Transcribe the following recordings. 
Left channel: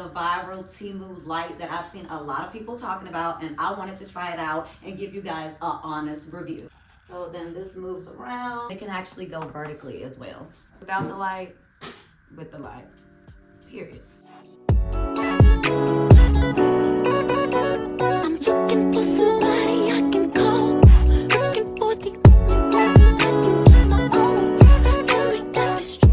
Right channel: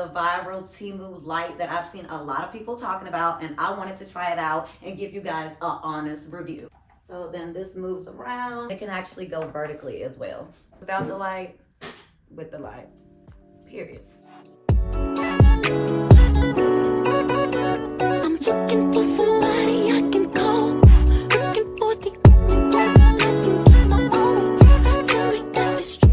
the viral TEMU light that I've seen a lot of people talking about, and I wanted to try it out and give you guys an honest review. So then this moves around. It can actually go vertically as well. Without the light, with the light, period. I'm looking for somebody I can call. Looking for the only one I can keep my own. Tell me that it's true.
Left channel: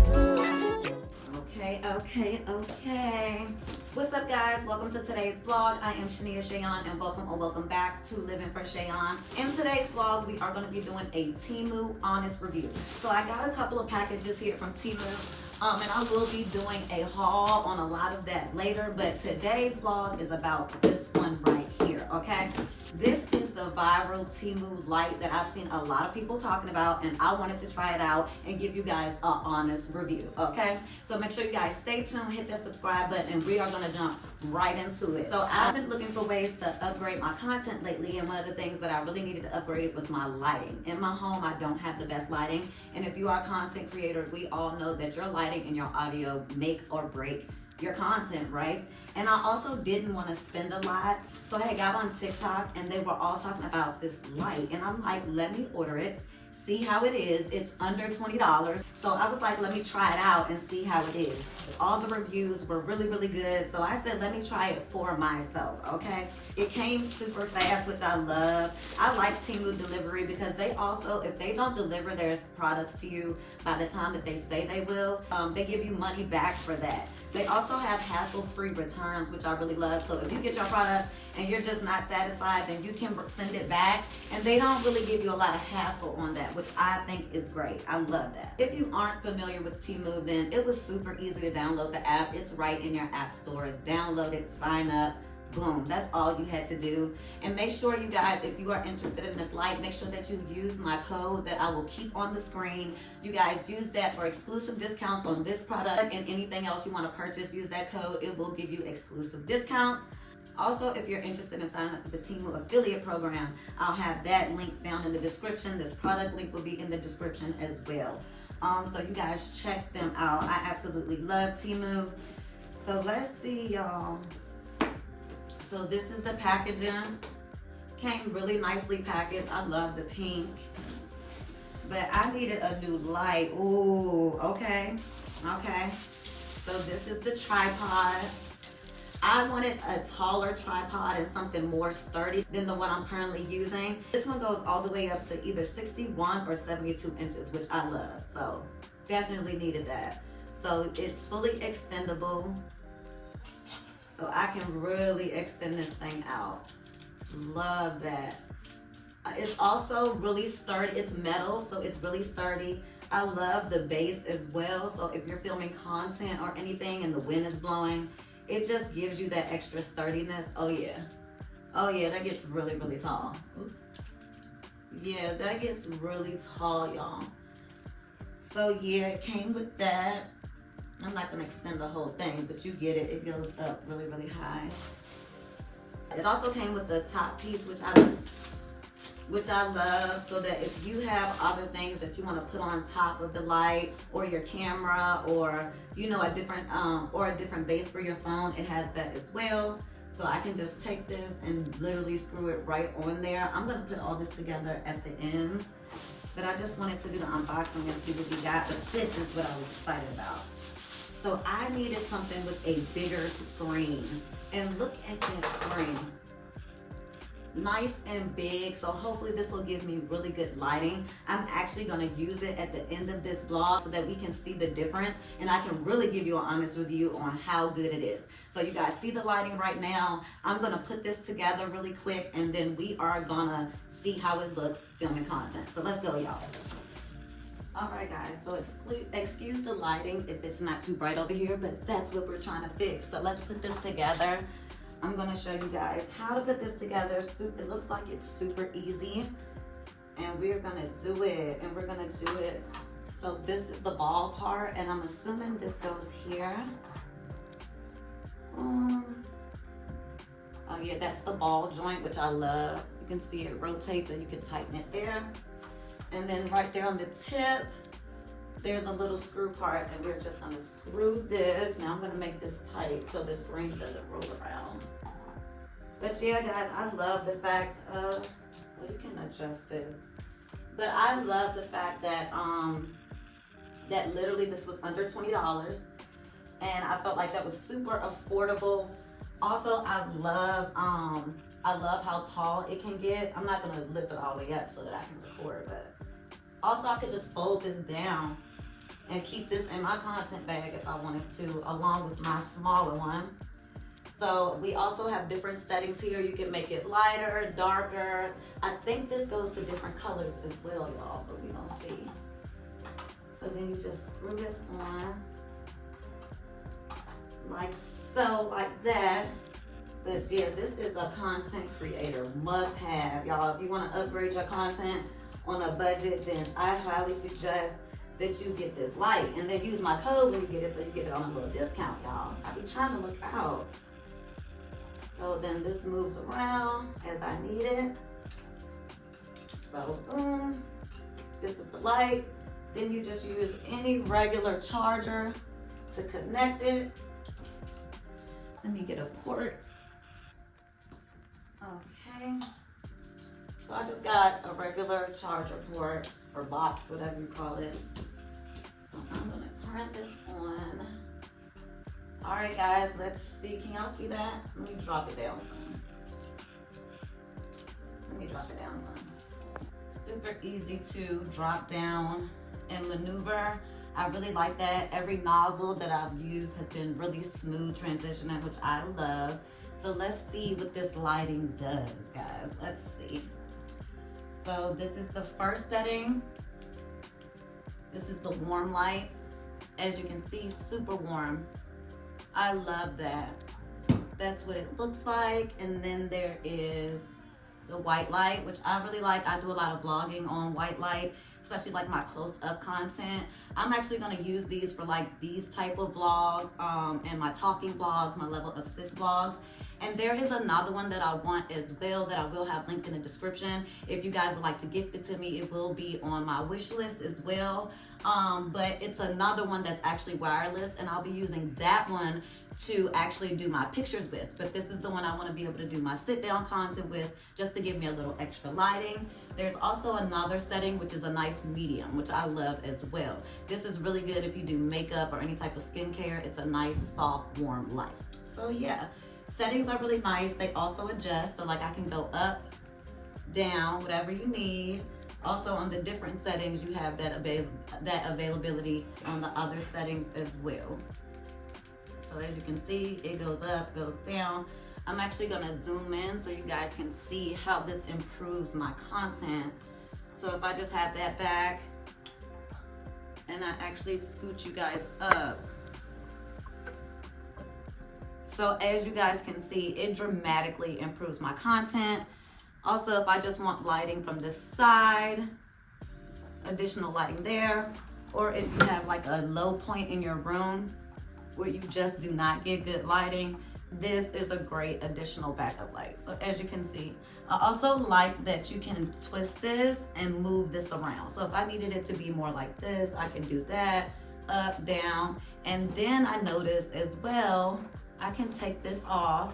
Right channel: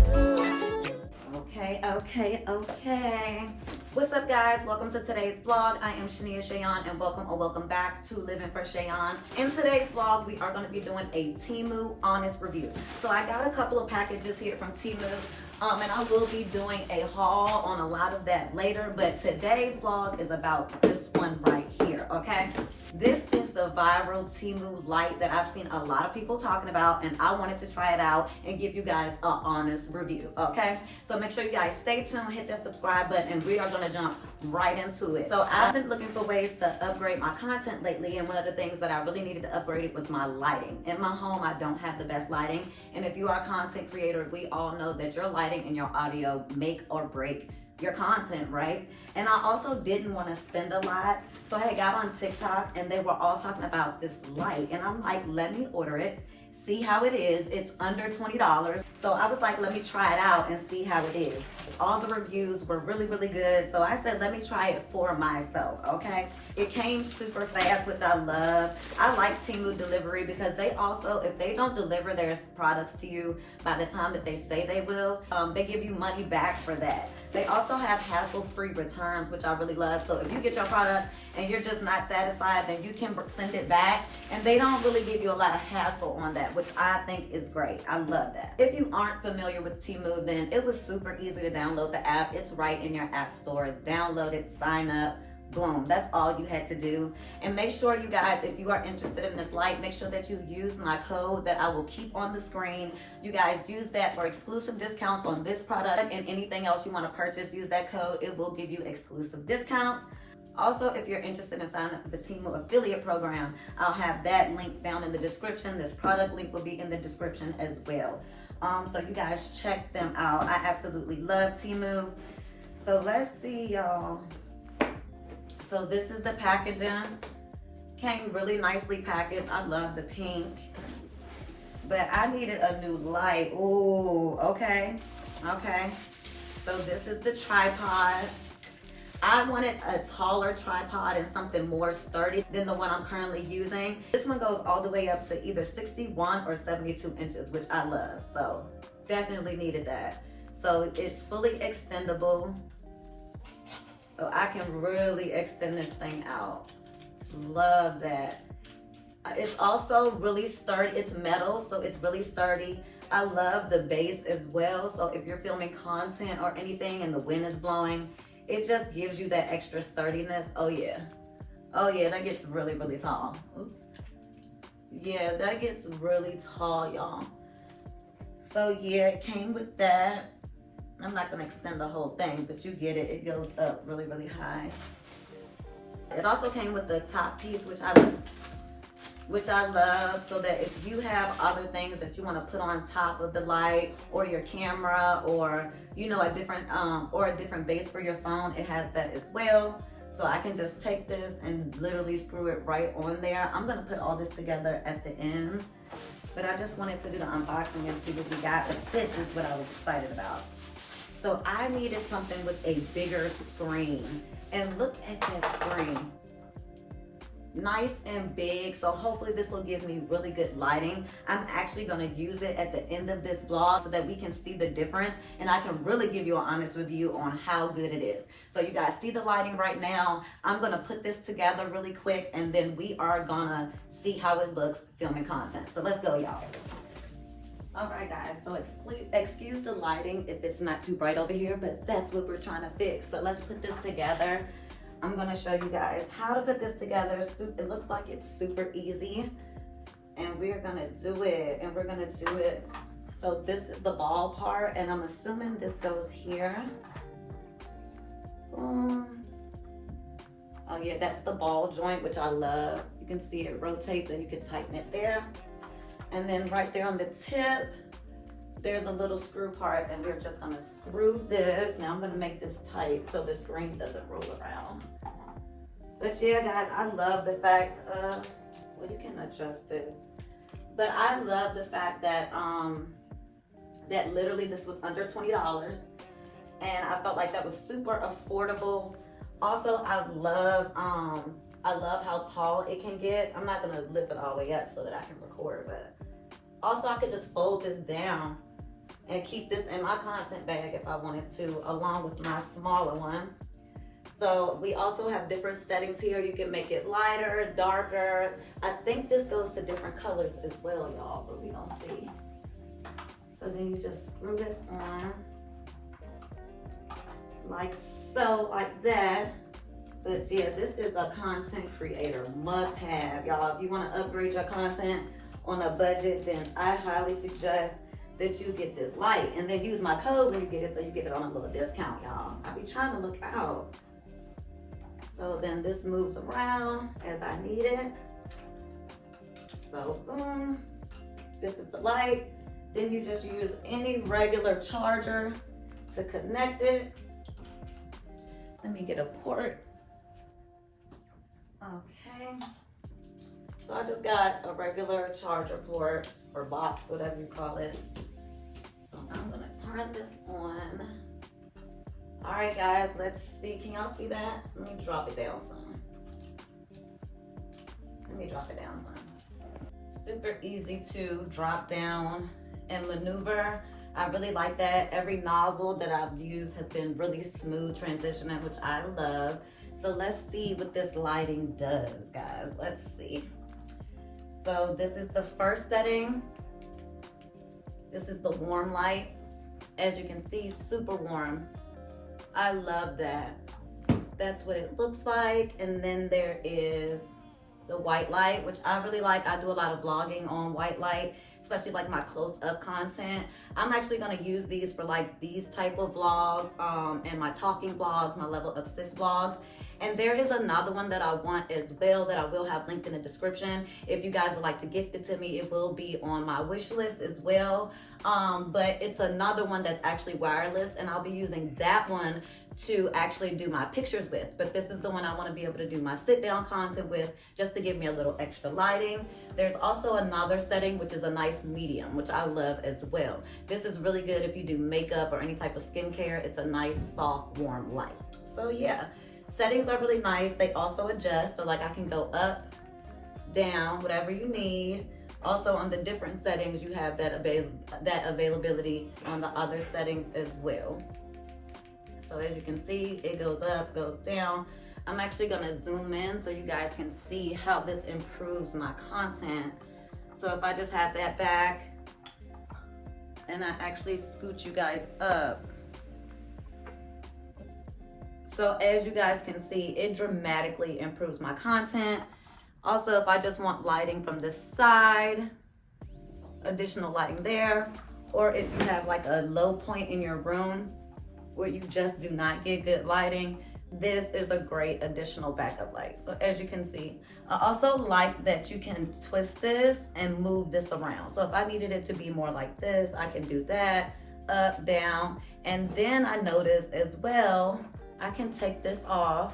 Okay. What's up, guys? Welcome to today's vlog. I am Shania Shayon, and welcome back to Living for Shayon. In today's vlog, we are going to be doing a TEMU honest review. So I got a couple of packages here from TEMU, and I will be doing a haul on a lot of that later. But today's vlog is about this one right here. Okay, this is the viral TEMU light that I've seen a lot of people talking about, and I wanted to try it out and give you guys an honest review. Okay, so make sure you guys stay tuned, hit that subscribe button, and we are going to jump right into it. So I've been looking for ways to upgrade my content lately, and one of the things that I really needed to upgrade it was my lighting. In my home, I don't have the best lighting, and if you are a content creator, we all know that your lighting and your audio make or break your content, right? And I also didn't want to spend a lot, so I got on TikTok and they were all talking about this light, and I'm like, let me order it, see how it is. It's under $20, so I was like, let me try it out and see how it is. All the reviews were really good, so I said, let me try it for myself. Okay, it came super fast, which I love. I like TEMU delivery because they also, if they don't deliver their products to you by the time that they say they will, they give you money back for that. They also have hassle-free returns, which I really love. So if you get your product and you're just not satisfied, then you can send it back, and they don't really give you a lot of hassle on that, which I think is great. I love that. If you aren't familiar with TEMU, then it was super easy to download the app. It's right in your app store. Download it, sign up, boom. That's all you had to do. And make sure, you guys, if you are interested in this light, make sure that you use my code that I will keep on the screen. You guys use that for exclusive discounts on this product, and anything else you want to purchase, use that code. It will give you exclusive discounts. Also, if you're interested in signing up for the TEMU affiliate program, I'll have that link down in the description. This product link will be in the description as well. So you guys check them out. I absolutely love TEMU. So let's see, y'all. So this is the packaging. Came really nicely packaged. I love the pink. But I needed a new light. Ooh, okay. So this is the tripod. I wanted a taller tripod and something more sturdy than the one I'm currently using. This one goes all the way up to either 61 or 72 inches, which I love. So definitely needed that. So it's fully extendable. So I can really extend this thing out. Love that. It's also really sturdy. It's metal, so it's really sturdy. I love the base as well. So if you're filming content or anything and the wind is blowing, it just gives you that extra sturdiness. Oh yeah, that gets really tall. Oops. Yeah, that gets really tall, y'all. So yeah, it came with that. I'm not gonna extend the whole thing, but you get it. It goes up really high. It also came with the top piece, which I love, so that if you have other things that you want to put on top of the light or your camera, or you know, a different base for your phone, it has that as well. So I can just take this and literally screw it right on there. I'm gonna put all this together at the end, but I just wanted to do the unboxing and see what we got. But this is what I was excited about. So I needed something with a bigger screen, and look at that screen. Nice and big, so hopefully this will give me really good lighting. I'm actually going to use it at the end of this vlog so that we can see the difference, and I can really give you an honest review on how good it is. So you guys see the lighting right now. I'm going to put this together really quick, and then we are going to see how it looks filming content. So let's go, y'all. All right, guys, so excuse the lighting if it's not too bright over here, but that's what we're trying to fix. So let's put this together. I'm gonna show you guys how to put this together. It looks like it's super easy, and we're gonna do it, So this is the ball part, and I'm assuming this goes here. Oh yeah, that's the ball joint, which I love. You can see it rotates, and you can tighten it there. And then right there on the tip, there's a little screw part, and we're just gonna screw this. Now I'm gonna make this tight so this ring doesn't roll around. But yeah, guys, I love the fact of, well, you can adjust this, but I love the fact that that literally this was under $20, and I felt like that was super affordable. Also, I love how tall it can get. I'm not gonna lift it all the way up so that I can record, but also I could just fold this down and keep this in my content bag if I wanted to, along with my smaller one. So we also have different settings here. You can make it lighter, darker. I think this goes to different colors as well, y'all, but we don't see. So then you just screw this on like so, like that. But yeah, this is a content creator must have, y'all. If you want to upgrade your content on a budget, then I highly suggest that you get this light, and then use my code when you get it so you get it on a little discount, y'all. I be trying to look out. So then this moves around as I need it. So boom, this is the light. Then you just use any regular charger to connect it. Let me get a port. Okay. So I just got a regular charger port or box, whatever you call it. So I'm gonna turn this on. All right, guys, let's see. Can y'all see that? Let me drop it down some. Let me drop it down some. Super easy to drop down and maneuver. I really like that. Every nozzle that I've used has been really smooth transitioning, which I love. So let's see what this lighting does, guys. Let's see. So this is the first setting. This is the warm light. As you can see, super warm. I love that. That's what it looks like. And then there is the white light, which I really like. I do a lot of vlogging on white light, especially like my close-up content. I'm actually gonna use these for like these type of vlogs and my talking vlogs, my level of sis vlogs. And there is another one that I want as well that I will have linked in the description. If you guys would like to gift it to me, it will be on my wish list as well. But it's another one that's actually wireless, and I'll be using that one to actually do my pictures with. But this is the one I want to be able to do my sit down content with, just to give me a little extra lighting. There's also another setting, which is a nice medium, which I love as well. This is really good if you do makeup or any type of skincare. It's a nice, soft, warm light. So yeah, settings are really nice. They also adjust, so like I can go up, down, whatever you need. Also on the different settings, you have that availability on the other settings as well. So as you can see, it goes up, goes down. I'm actually gonna zoom in so you guys can see how this improves my content. So if I just have that back and I actually scoot you guys up. So as you guys can see, it dramatically improves my content. Also, if I just want lighting from this side, additional lighting there, or if you have like a low point in your room where you just do not get good lighting, this is a great additional backup light. So as you can see, I also like that you can twist this and move this around. So if I needed it to be more like this, I can do that, up, down. And then I noticed as well, I can take this off,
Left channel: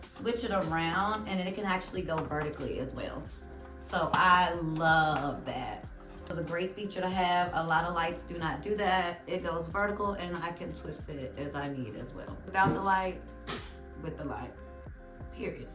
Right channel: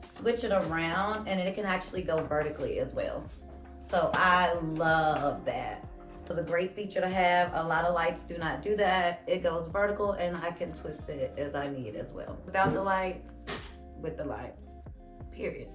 switch it around, and it can actually go vertically as well. So I love that. It's a great feature to have. A lot of lights do not do that. It goes vertical, and I can twist it as I need as well. Without the light, with the light, period.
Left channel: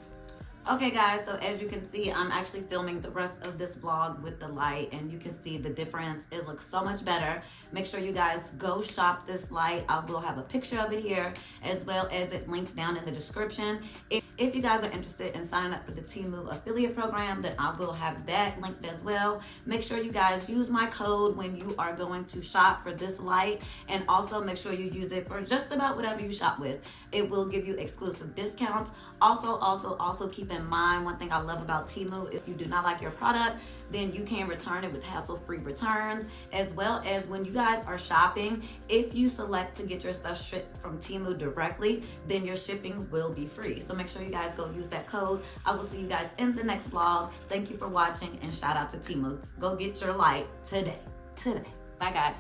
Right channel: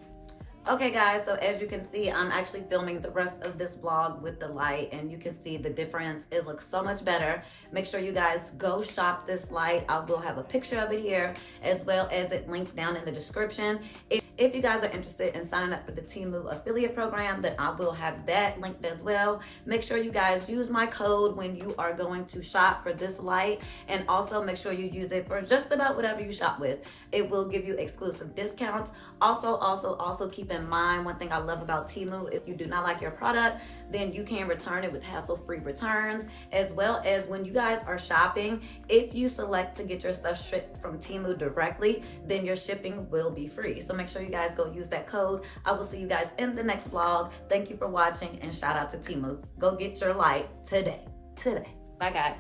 Okay guys, so as you can see, I'm actually filming the rest of this vlog with the light, and you can see the difference. It looks so much better. Make sure you guys go shop this light. I will have a picture of it here, as well as it linked down in the description. If you guys are interested in signing up for the TEMU affiliate program, then I will have that linked as well. Make sure you guys use my code when you are going to shop for this light, and also make sure you use it for just about whatever you shop with. It will give you exclusive discounts. Also keep in mind, one thing I love about TEMU, if you do not like your product, then you can return it with hassle-free returns, as well as when you guys are shopping, if you select to get your stuff shipped from TEMU directly, then your shipping will be free. So make sure you guys go use that code. I will see you guys in the next vlog. Thank you for watching, and shout out to TEMU. Go get your light today. today. Bye, guys.